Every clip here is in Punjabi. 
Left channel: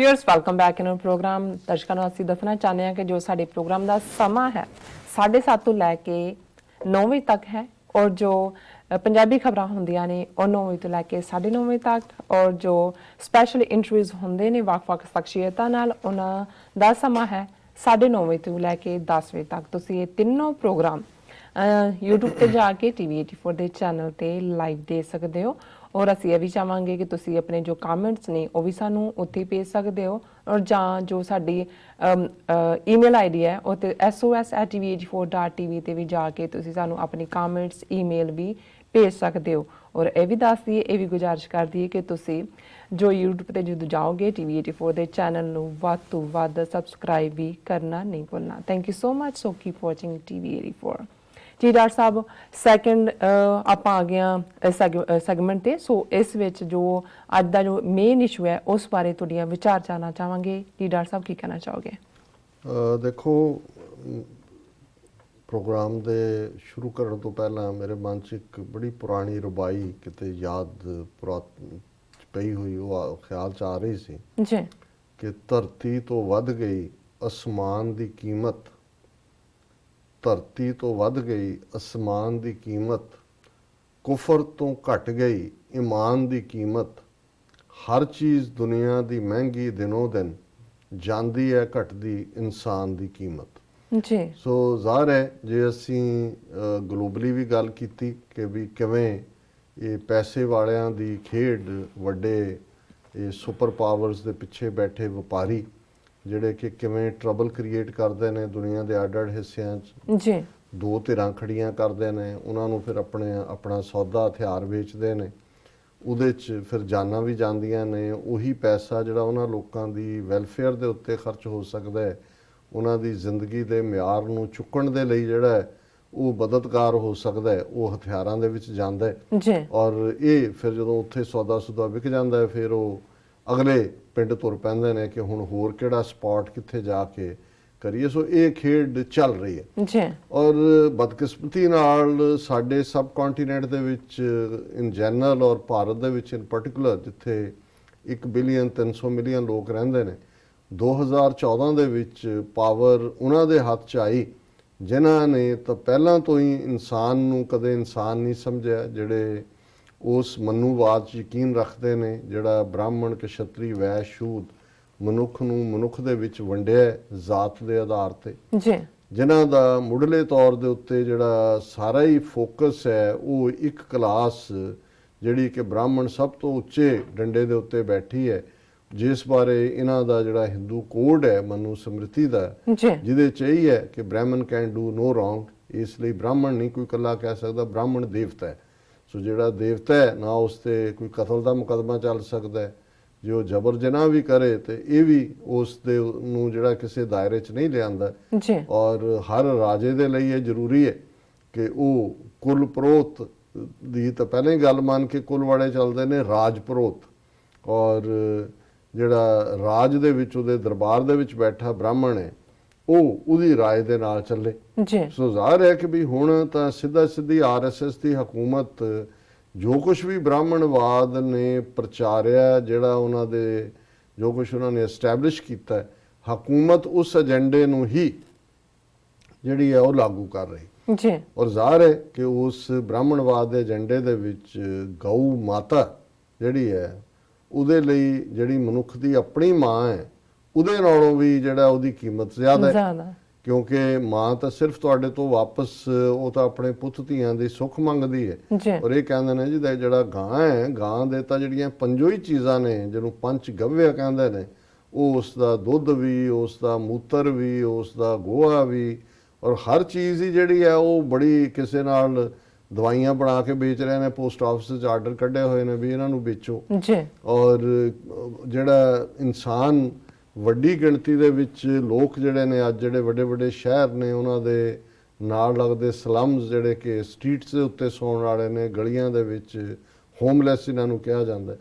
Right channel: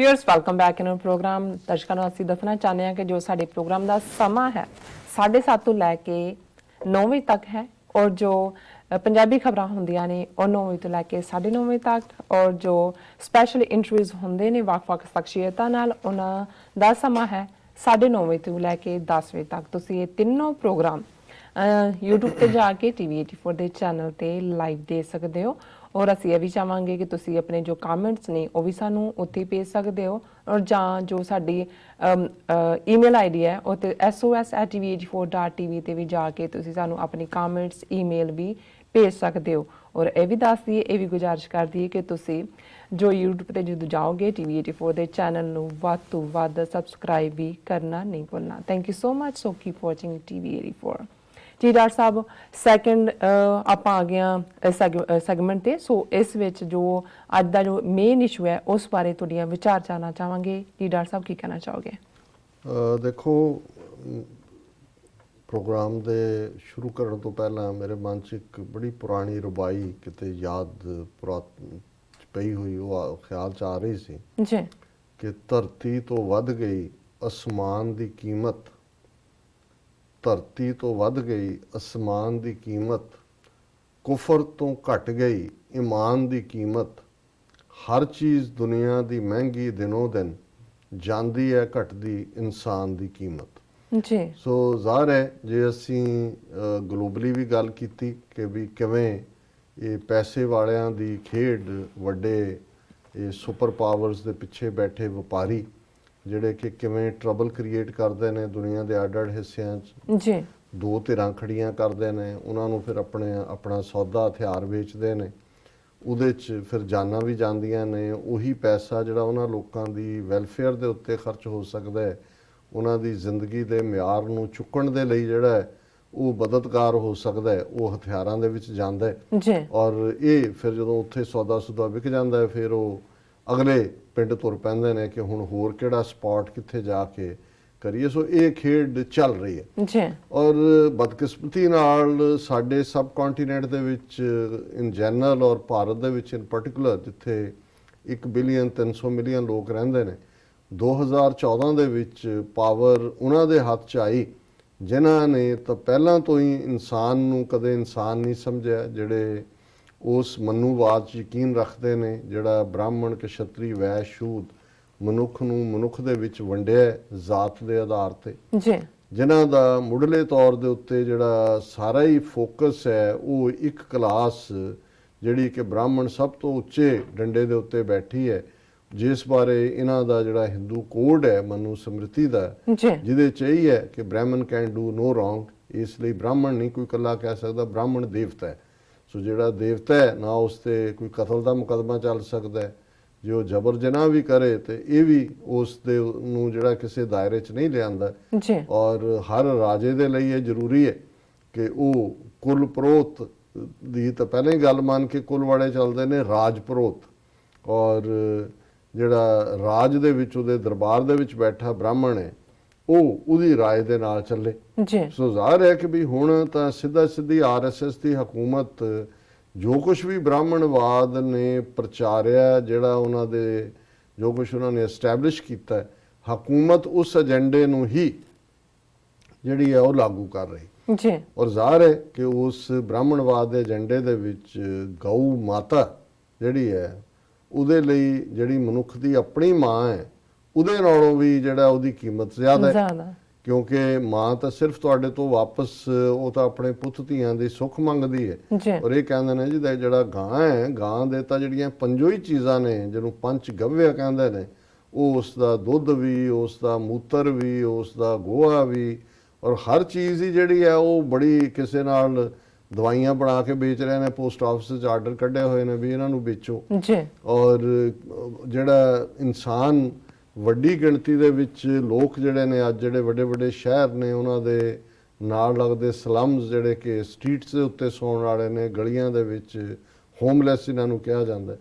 Viewers welcome back in our program. दर्शकों ਨੂੰ ਅਸੀਂ ਦੱਸਣਾ ਚਾਹੁੰਦੇ ਹਾਂ ਕਿ ਜੋ ਸਾਡੇ ਪ੍ਰੋਗਰਾਮ ਦਾ ਸਮਾਂ ਹੈ 7:30 ਤੋਂ ਲੈ ਕੇ 9 ਵਜੇ ਤੱਕ ਹੈ ਔਰ ਜੋ ਪੰਜਾਬੀ ਖਬਰਾਂ ਹੁੰਦੀਆਂ ਨੇ ਉਹ 9 ਵਜੇ ਤੋਂ ਲੈ ਕੇ 9:30 ਵਜੇ ਤੱਕ ਔਰ ਜੋ ਸਪੈਸ਼ਲ ਇੰਟਰਵਿਊਜ਼ ਹੁੰਦੇ ਨੇ ਵੱਖ-ਵੱਖ ਸ਼ਖਸੀਅਤਾਂ ਨਾਲ ਉਹਨਾਂ ਦਾ ਸਮਾਂ ਹੈ 9:30 ਵਜੇ ਤੋਂ ਲੈ ਕੇ 10 ਵਜੇ ਤੱਕ। ਤੁਸੀਂ ਇਹ ਤਿੰਨੋਂ ਪ੍ਰੋਗਰਾਮ YouTube ਤੇ ਜਾ ਕੇ TV84 ਦੇ ਚੈਨਲ ਤੇ ਲਾਈਵ ਦੇ ਸਕਦੇ ਹੋ और ਅਸੀਂ ਇਹ ਵੀ ਚਾਹਾਂਗੇ ਕਿ ਤੁਸੀਂ ਆਪਣੇ ਜੋ ਕਮੈਂਟਸ ਨੇ ਉਹ ਵੀ ਸਾਨੂੰ ਉੱਤੇ ਭੇਜ ਸਕਦੇ ਹੋ ਔਰ ਜਾਂ ਜੋ ਸਾਡੀ ਈਮੇਲ ਆਈਡੀ ਹੈ ਉਹ ਤੇ sos@tv84.tv ਤੇ ਵੀ ਜਾ ਕੇ ਤੁਸੀਂ ਸਾਨੂੰ ਆਪਣੇ ਕਮੈਂਟਸ ਈਮੇਲ ਵੀ ਭੇਜ ਸਕਦੇ ਹੋ। ਔਰ ਇਹ ਵੀ ਦੱਸ ਦਈਏ ਇਹ ਵੀ ਗੁਜ਼ਾਰਿਸ਼ ਕਰਦੀ ਹੈ ਕਿ ਤੁਸੀਂ ਜੋ YouTube ਤੇ ਜਦੋਂ ਜਾਓਗੇ TV84 ਦੇ ਚੈਨਲ ਨੂੰ ਵੱਧ ਤੋਂ ਵੱਧ ਸਬਸਕ੍ਰਾਈਬ ਵੀ ਕਰਨਾ ਨਹੀਂ ਭੁੱਲਣਾ। Thank you so much. So keep watching TV84। जी डॉक्टर साहब सैकेंड आप आ गया सैगमेंट ते सो इस विच जो अज दा जो मेन इशू है उस बारे तुहाडियां विचार जानना चाहांगे कि डॉक्टर साहब की कहना चाहोगे? देखो प्रोग्राम दे शुरू करने तो पहला मेरे मन च एक बड़ी पुरानी रुबाई किते याद पई हुई वो ख्याल च आ रही सी जी कि धरती तो वध गई आसमान दी कीमत, धरती तो वध गई आसमान दी कीमत, कुफर तो घट गई ईमान दी कीमत, हर चीज़ दुनिया दी महंगी दिनों दिन, जांदी है घटदी इंसान दी कीमत। जी सो ज़ाहिर है जे असी ग्लोबली भी गल कीती कि भी किवें ये पैसे वालियां दी खेड वड्डे ये सुपर पावर्स दे पिछे बैठे व्यापारी ਜਿਹੜੇ ਕਿ ਕਿਵੇਂ ਟਰਬਲ ਕ੍ਰੀਏਟ ਕਰਦੇ ਨੇ ਦੁਨੀਆ ਦੇ ਅੱਡ-ਅੱਡ ਹਿੱਸਿਆਂ 'ਚ ਜੀ ਦੋ ਧਿਰਾਂ ਖੜੀਆਂ ਕਰਦੇ ਨੇ ਉਹਨਾਂ ਨੂੰ ਫਿਰ ਆਪਣਾ ਸੌਦਾ ਹਥਿਆਰ ਵੇਚਦੇ ਨੇ ਉਹਦੇ 'ਚ ਫਿਰ ਜਾਨਾਂ ਵੀ ਜਾਂਦੀਆਂ ਨੇ ਉਹੀ ਪੈਸਾ ਜਿਹੜਾ ਉਹਨਾਂ ਲੋਕਾਂ ਦੀ ਵੈਲਫੇਅਰ ਦੇ ਉੱਤੇ ਖਰਚ ਹੋ ਸਕਦਾ ਹੈ ਉਹਨਾਂ ਦੀ ਜ਼ਿੰਦਗੀ ਦੇ ਮਿਆਰ ਨੂੰ ਚੁੱਕਣ ਦੇ ਲਈ ਜਿਹੜਾ ਹੈ ਉਹ ਮਦਦਗਾਰ ਹੋ ਸਕਦਾ ਹੈ ਉਹ ਹਥਿਆਰਾਂ ਦੇ ਵਿੱਚ ਜਾਂਦਾ ਹੈ ਜੀ ਔਰ ਇਹ ਫਿਰ ਜਦੋਂ ਉੱਥੇ ਸੌਦਾ ਸੁਦਾ ਵਿਕ ਜਾਂਦਾ ਹੈ ਫਿਰ ਉਹ ਅਗਲੇ ਪਿੰਡ ਤੁਰ ਪੈਂਦੇ ਨੇ ਕਿ ਹੁਣ ਹੋਰ ਕਿਹੜਾ ਸਪੌਟ ਕਿੱਥੇ ਜਾ ਕੇ ਕਰੀਏ। ਸੋ ਇਹ ਖੇਡ ਚੱਲ ਰਹੀ ਹੈ ਜੀ ਔਰ ਬਦਕਿਸਮਤੀ ਨਾਲ ਸਾਡੇ ਸਬ ਕੰਟੀਨੈਂਟ ਦੇ ਵਿੱਚ ਇਨ ਜਨਰਲ ਔਰ ਭਾਰਤ ਦੇ ਵਿੱਚ ਇਨ ਪਾਰਟਿਕੂਲਰ ਜਿੱਥੇ 1 ਬਿਲੀਅਨ 300 ਮਿਲੀਅਨ ਲੋਕ ਰਹਿੰਦੇ ਨੇ 2014 ਦੇ ਵਿੱਚ ਪਾਵਰ ਉਹਨਾਂ ਦੇ ਹੱਥ 'ਚ ਆਈ ਜਿਨ੍ਹਾਂ ਨੇ ਤਾਂ ਪਹਿਲਾਂ ਤੋਂ ਹੀ ਇਨਸਾਨ ਨੂੰ ਕਦੇ ਇਨਸਾਨ ਨਹੀਂ ਸਮਝਿਆ ਜਿਹੜੇ ਉਸ ਮਨੂਵਾਦ 'ਚ ਯਕੀਨ ਰੱਖਦੇ ਨੇ ਜਿਹੜਾ ਬ੍ਰਾਹਮਣ ਕਸ਼ਤਰੀ ਵੈਸ਼ ਸ਼ੂਦ ਮਨੁੱਖ ਨੂੰ ਮਨੁੱਖ ਦੇ ਵਿੱਚ ਵੰਡਿਆ ਜ਼ਾਤ ਦੇ ਆਧਾਰ ਤੇ ਜੀ ਜਿਨ੍ਹਾਂ ਦਾ ਮੁੱਢਲੇ ਤੌਰ ਦੇ ਉੱਤੇ ਜਿਹੜਾ ਸਾਰਾ ਹੀ ਫੋਕਸ ਹੈ ਉਹ ਇੱਕ ਕਲਾਸ ਜਿਹੜੀ ਕਿ ਬ੍ਰਾਹਮਣ ਸਭ ਤੋਂ ਉੱਚੇ ਡੰਡੇ ਦੇ ਉੱਤੇ ਬੈਠੀ ਹੈ ਜਿਸ ਬਾਰੇ ਇਹਨਾਂ ਦਾ ਜਿਹੜਾ ਹਿੰਦੂ ਕੋਡ ਹੈ ਮਨੂ ਸਮ੍ਰਿਤੀ ਦਾ ਜਿਹਦੇ 'ਚ ਇਹ ਹੈ ਕਿ ਬ੍ਰਾਹਮਣ ਕੈਨ ਡੂ ਨੋ ਰੌਂਗ ਇਸ ਲਈ ਬ੍ਰਾਹਮਣ ਨਹੀਂ ਕੋਈ ਇਕੱਲਾ ਕਹਿ ਸਕਦਾ ਬ੍ਰਾਹਮਣ ਦੇਵਤਾ ਹੈ। ਸੋ ਜਿਹੜਾ ਦੇਵਤਾ ਹੈ ਨਾ ਉਸ ਤੇ ਕੋਈ ਕਤਲ ਦਾ ਮੁਕੱਦਮਾ ਚੱਲ ਸਕਦਾ ਹੈ ਜੇ ਉਹ ਜਬਰ ਜਨਾਹ ਵੀ ਕਰੇ ਤੇ ਇਹ ਵੀ ਉਸ ਦੇ ਨੂੰ ਜਿਹੜਾ ਕਿਸੇ ਦਾਇਰੇ 'ਚ ਨਹੀਂ ਲਿਆਂਦਾ ਔਰ ਹਰ ਰਾਜੇ ਦੇ ਲਈ ਇਹ ਜ਼ਰੂਰੀ ਹੈ ਕਿ ਉਹ ਕੁਲ ਪ੍ਰੋਤ ਦੀ ਤਾਂ ਪਹਿਲਾਂ ਹੀ ਗੱਲ ਮੰਨ ਕੇ ਕੁਲ ਵਾਲੇ ਚੱਲਦੇ ਨੇ ਰਾਜ ਪ੍ਰੋਤ ਔਰ ਜਿਹੜਾ ਰਾਜ ਦੇ ਵਿੱਚ ਉਹਦੇ ਦਰਬਾਰ ਦੇ ਵਿੱਚ ਬੈਠਾ ਬ੍ਰਾਹਮਣ ਹੈ ਉਹ ਉਹਦੀ ਰਾਏ ਦੇ ਨਾਲ ਚੱਲੇ। ਸੋ ਜ਼ਾਹਿਰ ਹੈ ਕਿ ਵੀ ਹੁਣ ਤਾਂ ਸਿੱਧਾ ਸਿੱਧੀ ਆਰਐਸਐਸ ਦੀ ਹਕੂਮਤ ਜੋ ਕੁਝ ਵੀ ਬ੍ਰਾਹਮਣਵਾਦ ਨੇ ਪ੍ਰਚਾਰਿਆ ਜਿਹੜਾ ਉਹਨਾਂ ਦੇ ਜੋ ਕੁਝ ਉਹਨਾਂ ਨੇ ਐਸਟੈਬਲਿਸ਼ ਕੀਤਾ ਹਕੂਮਤ ਉਸ ਏਜੰਡੇ ਨੂੰ ਹੀ ਜਿਹੜੀ ਹੈ ਉਹ ਲਾਗੂ ਕਰ ਰਹੀ ਜੀ ਔਰ ਜ਼ਾਹਿਰ ਹੈ ਕਿ ਉਸ ਬ੍ਰਾਹਮਣਵਾਦ ਦੇ ਏਜੰਡੇ ਦੇ ਵਿੱਚ ਗਊ ਮਾਤਾ ਜਿਹੜੀ ਹੈ ਉਹਦੇ ਲਈ ਜਿਹੜੀ ਮਨੁੱਖ ਦੀ ਆਪਣੀ ਮਾਂ ਹੈ ਉਹਦੇ ਨਾਲੋਂ ਵੀ ਜਿਹੜਾ ਉਹਦੀ ਕੀਮਤ ਜ਼ਿਆਦਾ ਹੈ ਕਿਉਂਕਿ ਮਾਂ ਤਾਂ ਸਿਰਫ ਤੁਹਾਡੇ ਤੋਂ ਵਾਪਸ ਉਹ ਤਾਂ ਆਪਣੇ ਪੁੱਤ ਧੀਆਂ ਦੀ ਸੁੱਖ ਮੰਗਦੀ ਹੈ ਔਰ ਇਹ ਕਹਿੰਦੇ ਨੇ ਜਿਹਦਾ ਜਿਹੜਾ ਗਾਂ ਹੈ ਗਾਂ ਦੇ ਤਾਂ ਜਿਹੜੀਆਂ ਪੰਜੋ ਹੀ ਚੀਜ਼ਾਂ ਨੇ ਜਿਹਨੂੰ ਪੰਚ ਗਵਯ ਕਹਿੰਦੇ ਨੇ ਉਹ ਉਸ ਦਾ ਦੁੱਧ ਵੀ ਉਸ ਦਾ ਮੂਤਰ ਵੀ ਉਸ ਦਾ ਗੋਹਾ ਵੀ ਔਰ ਹਰ ਚੀਜ਼ ਹੀ ਜਿਹੜੀ ਹੈ ਉਹ ਬੜੀ ਕਿਸੇ ਨਾਲ ਦਵਾਈਆਂ ਬਣਾ ਕੇ ਵੇਚ ਰਹੇ ਨੇ ਪੋਸਟ ਆਫਿਸ 'ਚ ਆਰਡਰ ਕੱਢੇ ਹੋਏ ਨੇ ਵੀ ਇਹਨਾਂ ਨੂੰ ਵੇਚੋ ਔਰ ਜਿਹੜਾ ਇਨਸਾਨ ਵੱਡੀ ਗਿਣਤੀ ਦੇ ਵਿੱਚ ਲੋਕ ਜਿਹੜੇ ਨੇ ਅੱਜ ਜਿਹੜੇ ਵੱਡੇ ਵੱਡੇ ਸ਼ਹਿਰ ਨੇ ਉਹਨਾਂ ਦੇ ਨਾਲ ਲੱਗਦੇ ਸਲਮਸ ਜਿਹੜੇ ਕਿ ਸਟਰੀਟਸ ਦੇ ਉੱਤੇ ਸੌਣ ਵਾਲੇ ਨੇ ਗਲੀਆਂ ਦੇ ਵਿੱਚ ਹੋਮਲੈਸ ਇਹਨਾਂ ਨੂੰ ਕਿਹਾ ਜਾਂਦਾ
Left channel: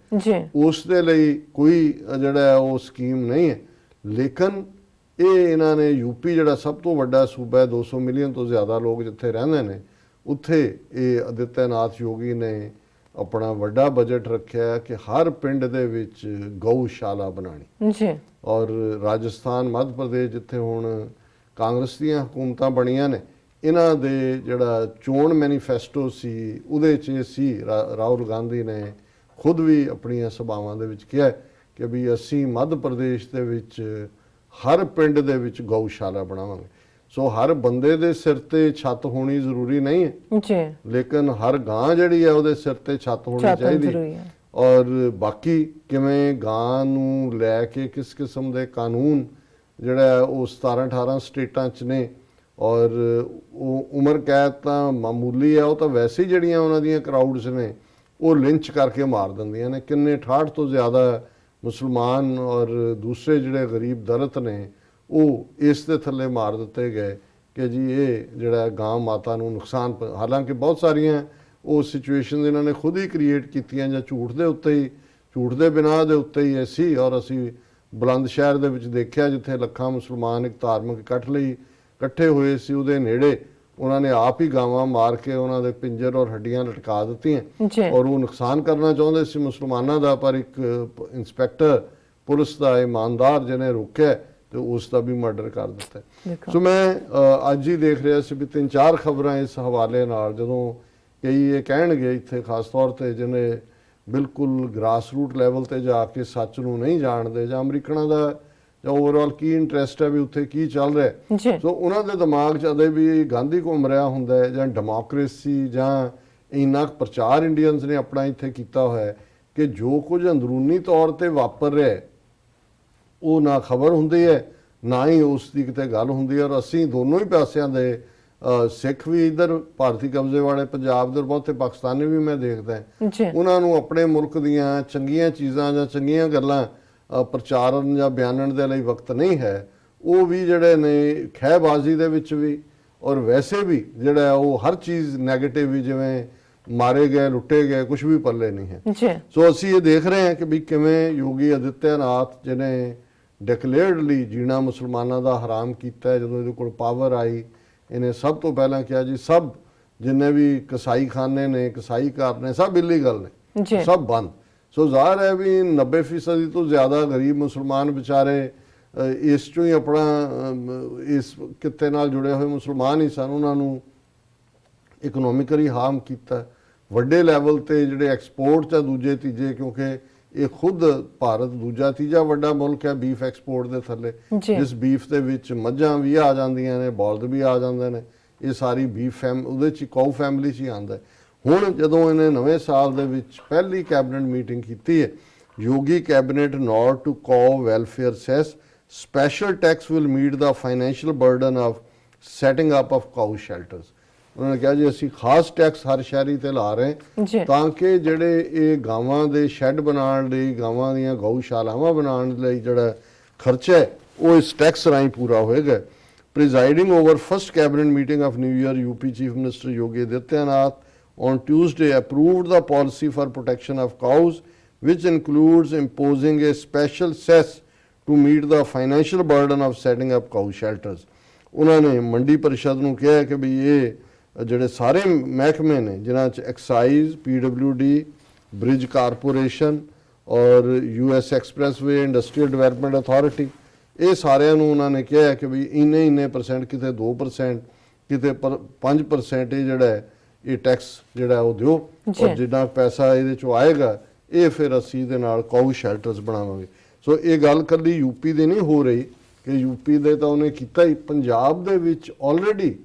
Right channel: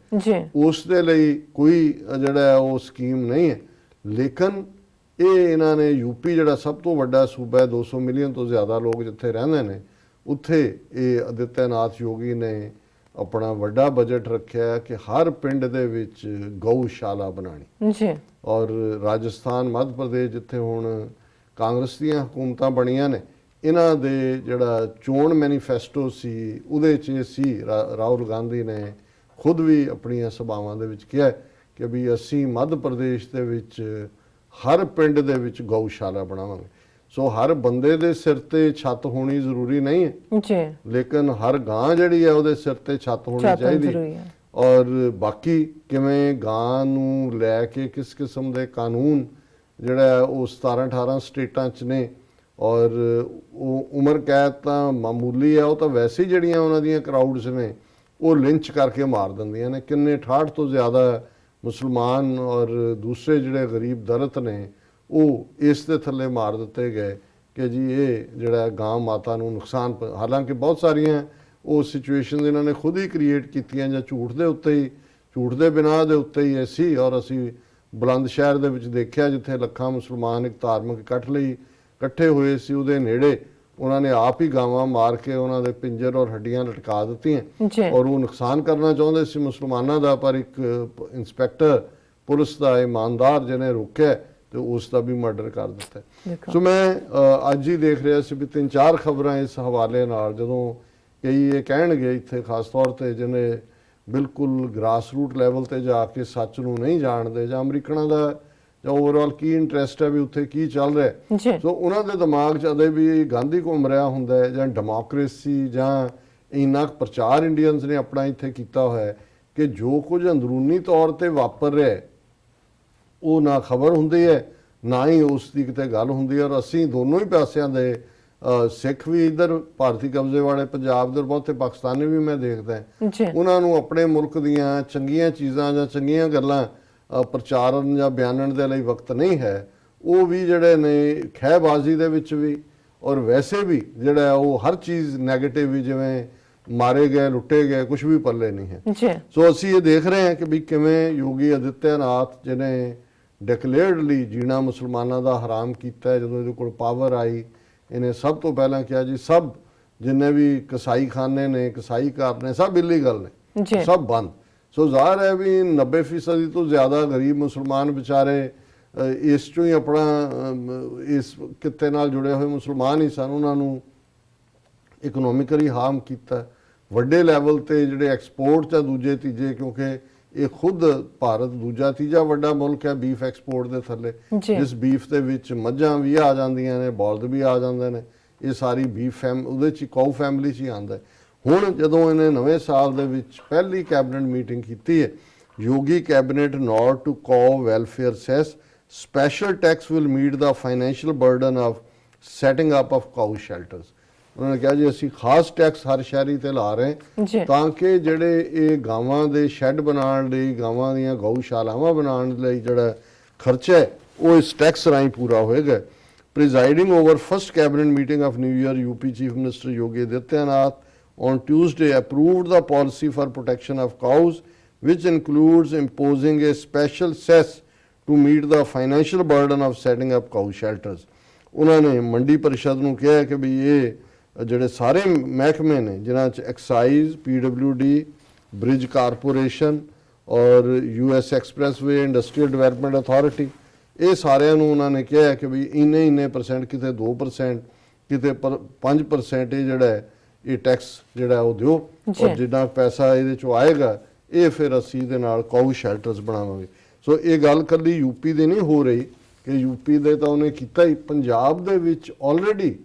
ਉਸ ਦੇ ਲਈ ਕੋਈ ਜਿਹੜਾ ਉਹ ਸਕੀਮ ਨਹੀਂ ਹੈ ਲੇਕਿਨ ਇਹ ਇਹਨਾਂ ਨੇ ਯੂਪੀ ਜਿਹੜਾ ਸਭ ਤੋਂ ਵੱਡਾ ਸੂਬਾ ਹੈ 200 ਮਿਲੀਅਨ ਤੋਂ ਜ਼ਿਆਦਾ ਲੋਕ ਜਿੱਥੇ ਰਹਿੰਦੇ ਨੇ ਉੱਥੇ ਇਹ ਆਦਿੱਤਿਆਨਾਥ ਯੋਗੀ ਨੇ ਆਪਣਾ ਵੱਡਾ ਬਜਟ ਰੱਖਿਆ ਕਿ ਹਰ ਪਿੰਡ ਦੇ ਵਿੱਚ ਗਊਸ਼ਾਲਾ ਬਣਾਣੀ। ਜੀ। ਔਰ ਰਾਜਸਥਾਨ, ਮੱਧ ਪ੍ਰਦੇਸ਼, ਜਿੱਥੇ ਹੁਣ ਕਾਂਗਰਸ ਦੀਆਂ ਹਕੂਮਤਾਂ ਬਣੀਆਂ ਨੇ, ਇਹਨਾਂ ਦੇ ਜਿਹੜਾ ਚੋਣ ਮੈਨੀਫੈਸਟੋ ਸੀ ਉਹਦੇ 'ਚ ਇਹ ਸੀ, ਰਾਹੁਲ ਗਾਂਧੀ ਨੇ ਖੁਦ ਵੀ ਆਪਣੀਆਂ ਸਭਾਵਾਂ ਦੇ ਵਿੱਚ ਕਿਹਾ ਕਿ ਵੀ ਅਸੀਂ ਮੱਧ ਪ੍ਰਦੇਸ਼ ਦੇ ਵਿੱਚ ਹਰ ਪਿੰਡ ਦੇ ਵਿੱਚ ਗਊਸ਼ਾਲਾ ਬਣਾਵਾਂਗੇ। ਸੋ ਹਰ ਬੰਦੇ ਦੇ ਸਿਰ ਤੇ ਛੱਤ ਹੋਣੀ ਜ਼ਰੂਰੀ ਨਹੀਂ ਹੈ ਜੀ, ਲੇਕਿਨ ਹਰ ਗਾਂ ਜਿਹੜੀ ਹੈ ਉਹਦੇ ਸਿਰ ਤੇ ਛੱਤ ਹੋਣੀ ਚਾਹੀਦੀ ਜ਼ਰੂਰੀ ਹੈ। ਹੈ। ਔਰ ਬਾਕੀ ਕਿਵੇਂ ਗਾਂ ਨੂੰ ਲੈ ਕੇ ਕਿਸ ਕਿਸਮ ਦੇ ਕਾਨੂੰਨ ਜਿਹੜਾ ਹੈ ਉਹ 17-18 ਸਟੇਟਾਂ 'ਚ ਨੇ, ਔਰ ਉਹ ਉਮਰ ਕੈਦ ਤਾਂ ਮਾਮੂਲੀ ਹੈ, ਉਹ ਤਾਂ ਵੈਸੇ ਹੀ ਜਿਹੜੀਆਂ ਉਹਨਾਂ ਦੀਆਂ ਕਰਾਊਡਸ ਨੇ ਉਹ ਲਿੰਚ ਕਰਕੇ ਮਾਰ ਦਿੰਦੀਆਂ ਨੇ। ਕਿੰਨੇ 68 ਤੋਂ ਜ਼ਿਆਦਾ ਮੁਸਲਮਾਨ ਔਰ ਦੂਸਰੇ ਜਿਹੜੇ ਗਰੀਬ ਦਲਿਤ ਨੇ ਉਹ ਇਸ ਦੇ ਥੱਲੇ ਮਾਰ ਦਿੱਤੇ ਗਏ ਕਿ ਜੀ ਇਹ ਜਿਹੜਾ ਗਾਂ ਮਾਤਾ ਨੂੰ ਨੁਕਸਾਨ ਹਾਲਾਂਕਿ ਬਹੁਤ ਸਾਰੀਆਂ ਉਹ ਸਿਚੁਏਸ਼ਨਸ ਇਹਨਾਂ ਨੇ ਖੁਦ ਹੀ ਕ੍ਰੀਏਟ ਕੀਤੀਆਂ ਜਾਂ ਝੂਠ ਦੇ ਉੱਤੇ ਹੀ, ਝੂਠ ਦੇ ਬਿਨਾਂ ਦੇ ਉੱਤੇ ਹੀ ਇਹ ਸੀ। ਔਰ ਅਸੀਂ ਬੁਲੰਦ ਸ਼ਹਿਰ ਦੇ ਵਿੱਚ ਦੇਖਿਆ ਜਿੱਥੇ ਲੱਖਾਂ ਮੁਸਲਮਾਨ ਇੱਕ ਧਾਰਮਿਕ ਇਕੱਠ ਲਈ ਇਕੱਠੇ ਹੋਏ ਸੀ, ਉਹਦੇ ਨੇੜੇ ਉਹਨਾਂ ਨੇ ਆਪ ਹੀ ਗਾਵਾਂ ਮਾਰ ਕੇ ਉਹਨਾਂ ਦੇ ਪਿੰਜਰ ਔਰ ਹੱਡੀਆਂ ਲਟਕਾ ਦਿੱਤੀਆਂ ਔਰ ਉਹ ਨੁਕਸਾਨ ਕਰਨਾ ਚਾਹੁੰਦੇ ਸੀ ਮੁਸਲਮਾਨਾਂ ਦਾ, ਪਰ ਇੱਕ ਇੰਸਪੈਕਟਰ ਪੁਲਿਸ ਦਾ ਇਮਾਨਦਾਰ ਜਿਹਨੇ ਰੋਕਿਆ ਤੇ ਉਸ ਦਾ ਵੀ ਮਰਡਰ ਕਰ ਦਿੱਤਾ। ਸੋ ਮੈਂ ਅੱਜ ਹੀ ਦੇਖ ਰਿਹਾ ਸੀ ਵੀ 3-4 ਖਬਰਾਂ ਇਸ ਹਵਾਲੇ ਨਾਲ, ਜਦੋਂ ਕਈ ਇਹ ਕਹਿਣਗੇ ਇੱਥੇ ਖਾਸ ਤੌਰ ਤੇ ਜਿਹਨੇ ਬਿਲਕੁਲ ਗ੍ਰਾਸ ਰੂਟ ਲੈਵਲ ਤੇ ਜਾ ਕੇ ਸੱਚ ਨੂੰ ਨਹੀਂ ਜਾਣਦੇ ਜਾਂ ਅਮਰੀਕਨਾਂ ਦਾ ਜਾਂ ਓਵਰਆਲ ਕੀ ਇੰਟਰਸਟ ਹੈ ਵੀ ਉੱਥੇ ਕੀ ਚੱਲ ਰਿਹਾ, ਸੋ ਉਹਨਾਂ ਦੇ ਦਿਮਾਗ 'ਚ ਅਦੇ ਵੀ ਗਾਂਧੀ ਘੁੰਮ ਰਿਹਾ ਹੁੰਦਾ ਹੈ ਜਾਂ ਡੈਮੋਕ੍ਰੇਸੀ ਜਾਂ ਇੰਨਾ ਪ੍ਰਚਾਰ ਇੰਡੀਅਨਸ ਨੇ ਆਪਣਾ ਇੱਥੇ ਕੀਤਾ ਹੋਇਆ ਕਿ ਜੋ ਕੁਝ ਅੰਦਰੂਨੀ ਤੌਰ ਤੇ ਵਾਪਰ ਰਿਹਾ ਉਹ ਨਾ ਖਬਰ ਹੁੰਦੀ ਹੈ ਨਾ ਹੀ ਉਸ ਦੀ ਕਿਤੇ ਗੱਲ ਹੁੰਦੀ ਹੈ। ਔਰ ਅਸੀਂ ਦੋਨੋਂ ਹੀ ਪਾਸਿਆਂ ਦੇ ਸਿੱਖ ਵੀ ਇੱਧਰ ਭਾਰਤੀ ਕਬਜ਼ੇ ਵਾਲੇ ਪੰਜਾਬ ਦੇ, ਬਹੁਤੇ ਪਾਕਿਸਤਾਨੀ ਵੀ ਮੈਂ ਦੇਖਦਾ, ਉਹਨਾਂ ਨੂੰ ਆਪਣੇ ਮੁਲਕ ਦੀਆਂ ਚੰਗੀਆਂ ਚੀਜ਼ਾਂ ਜਾਂ ਚੰਗੀਆਂ ਗੱਲਾਂ ਪ੍ਰਚਾਰਨ ਜਾਂ ਬਿਆਨਣ ਦੇ ਲਈ ਵਕਤ ਨਹੀਂ ਹੈ। ਉਹ ਵੀ ਜਿਹੜੇ ਨੇ ਖਹਿਬਾਜ਼ੀ ਦੇ ਵਿੱਚ ਵੀ ਔਰ ਵੈਸੇ ਵੀ ਜਿਹੜਾ ਉਹ ਹਰ ਚੀਜ਼ ਨੈਗੇਟਿਵ ਵੀ, ਜਿਵੇਂ ਮਾਰੇ ਗਏ, ਲੁੱਟੇ ਗਏ, ਕੁਝ ਵੀ ਪੱਲੇ ਨਹੀਂ ਹੈ। ਸੋ ਅਸੀਂ ਇਹ ਦੇਖ ਰਹੇ ਹਾਂ ਕਿ ਵੀ ਕਿਵੇਂ ਯੋਗੀ ਆਦਿੱਤਿਆਨਾਥ ਜਿਹਨੇ ਡਿਕਲੇਅਰਡਲੀ ਜੀਣਾ ਮੁਸਲਮਾਨਾਂ ਦਾ ਹਰਾਮ ਕੀਤਾ, ਜਦੋਂ ਇਹਦੇ ਕੋਲ ਪਾਵਰ ਆਈ ਇਹਨੇ ਸਭ ਤੋਂ ਪਹਿਲਾਂ ਕਿਹਾ ਜੀ ਸਭ ਜਿੰਨੇ ਵੀ ਕਸਾਈ ਖਾਨੇ ਨੇ, ਕਸਾਈ ਘਰ ਨੇ, ਸਭ ਇਲੀਗਲ ਨੇ, ਸਭ ਬੰਦ। ਸੋ ਜ਼ਾਹਰ ਹੈ ਵੀ 90% ਤੋਂ ਜ਼ਿਆਦਾ ਗਰੀਬ ਮੁਸਲਮਾਨ ਵਿਚਾਰੇ ਇਸ ਚੋਂ ਹੀ ਆਪਣਾ ਇਸ ਕਿੱਤੇ ਨਾਲ ਜੁੜੇ ਹੋਏ ਮੁਸਲਮਾਨ ਹੀ ਸਨ, ਉਹਨਾਂ ਨੂੰ ਇਕਨੋਮਿਕਲੀ ਹਾਰਮ ਕੀਤਾ ਵੱਡੇ ਲੈਵਲ ਤੇ। ਜਿਹੜੇ ਐਕਸਪੋਰਟ ਜਾਂ ਦੂਜੇ ਤੀਜੇ, ਕਿਉਂਕਿ ਇਹ ਖੁਦ ਭਾਰਤ ਦੂਜਾ ਤੀਜਾ ਵੱਡਾ ਮੁਲਕ ਹੈ ਬੀਫ ਐਕਸਪੋਰਟ ਦੇ ਥੱਲੇ, ਜਿਸ ਬੀਫ ਦੇ ਵਿੱਚ ਮੱਝਾਂ ਵੀ ਆ ਜਾਂਦੀਆਂ ਨੇ, ਬਲਦ ਵੀ ਆ ਜਾਂਦੇ ਨੇ, ਇਹ ਸਾਰੀ ਬੀਫ ਉਹਦੇ 'ਚ ਕਾਊ ਫੈਮਿਲੀ 'ਚ ਹੀ ਆਉਂਦਾ। ਹੁਣ ਜਦੋਂ ਇਹਨੇ ਨਵੇਂ ਸਾਲ ਦੇ ਵਿੱਚ ਪਹਿਲੀ ਕੈਬਨਿਟ ਮੀਟਿੰਗ ਕੀਤੀ ਹੈ, Yogi cabinet note to cow welfare cess special tax will meet the financial burden of setting up of cow shelters. ਉਹਨਾਂ ਨੇ ਕਿਹਾ ਜੀ ਅਸੀਂ ਖਾਸ ਟੈਕਸ ਹਰ ਸ਼ਹਿਰੀ ਤੇ ਲਾ ਰਹੇ ਤਾਂ ਕਿ ਜਿਹੜੇ ਇਹ ਗਾਵਾਂ ਦੇ ਸ਼ੈੱਡ ਬਣਾਉਣ ਲਈ, ਗਾਵਾਂ ਦੀਆਂ ਗਊਸ਼ਾਲਾਵਾਂ ਬਣਾਉਣ ਲਈ ਜਿਹੜਾ ਖਰਚਾ ਹੈ ਉਹ ਇਸ ਟੈਕਸ ਰਾਹੀਂ ਪੂਰਾ ਹੋਏਗਾ। Presiding over first cabinet meeting of New Year, UP Chief Minister Yogi Adityanath on Tuesday approved the policy for protection of cows, which includes imposing a special cess to meet the financial burden of setting up cow shelters. ਉਹਨਾਂ ਨੇ ਮੰਡੀ ਪਰਿਸ਼ਦ ਨੂੰ ਕਿਹਾ ਕਿ ਵੀ ਇਹ ਜਿਹੜੇ ਸਾਰੇ ਮਹਿਕਮੇ ਨੇ ਜਿਨ੍ਹਾਂ 'ਚ ਐਕਸਾਈਜ਼, PWD, ਬ੍ਰਿਜ ਕਾਰਪੋਰੇਸ਼ਨ ਔਰ US expressway industrial development authority, ਇਹ ਸਾਰਿਆਂ ਨੂੰ ਉਹਨਾਂ ਨੇ ਕਿਹਾ ਕਿ ਵੀ ਇੰਨੇ %, ਕਿਤੇ 2%, ਕਿਤੇ 5% ਇਹ ਜਿਹੜਾ ਹੈ ਇਹ ਟੈਕਸ ਜਿਹੜਾ ਉਹ ਦਿਓ, ਔਰ ਜਿੰਨਾ ਪੈਸਾ ਇਹਦੇ 'ਚੋਂ ਆਏਗਾ ਇਹ ਫਿਰ ਅਸੀਂ ਇਹਦੇ ਨਾਲ ਕਾਊ ਸ਼ੈਲਟਰਸ ਬਣਾਵਾਂਗੇ। ਸੋ ਇਹ ਗੱਲ ਕੱਲੀ ਯੂਪੀ ਦੀ ਨਹੀਂ ਹੋ ਰਹੀ ਕਿ ਯੂਪੀ ਦੇ ਤਾਂ ਉਹਨੇ ਕੀਤਾ ਹੀ, ਪੰਜਾਬ ਦੇ ਵਿੱਚ ਆਲਰੇਡੀ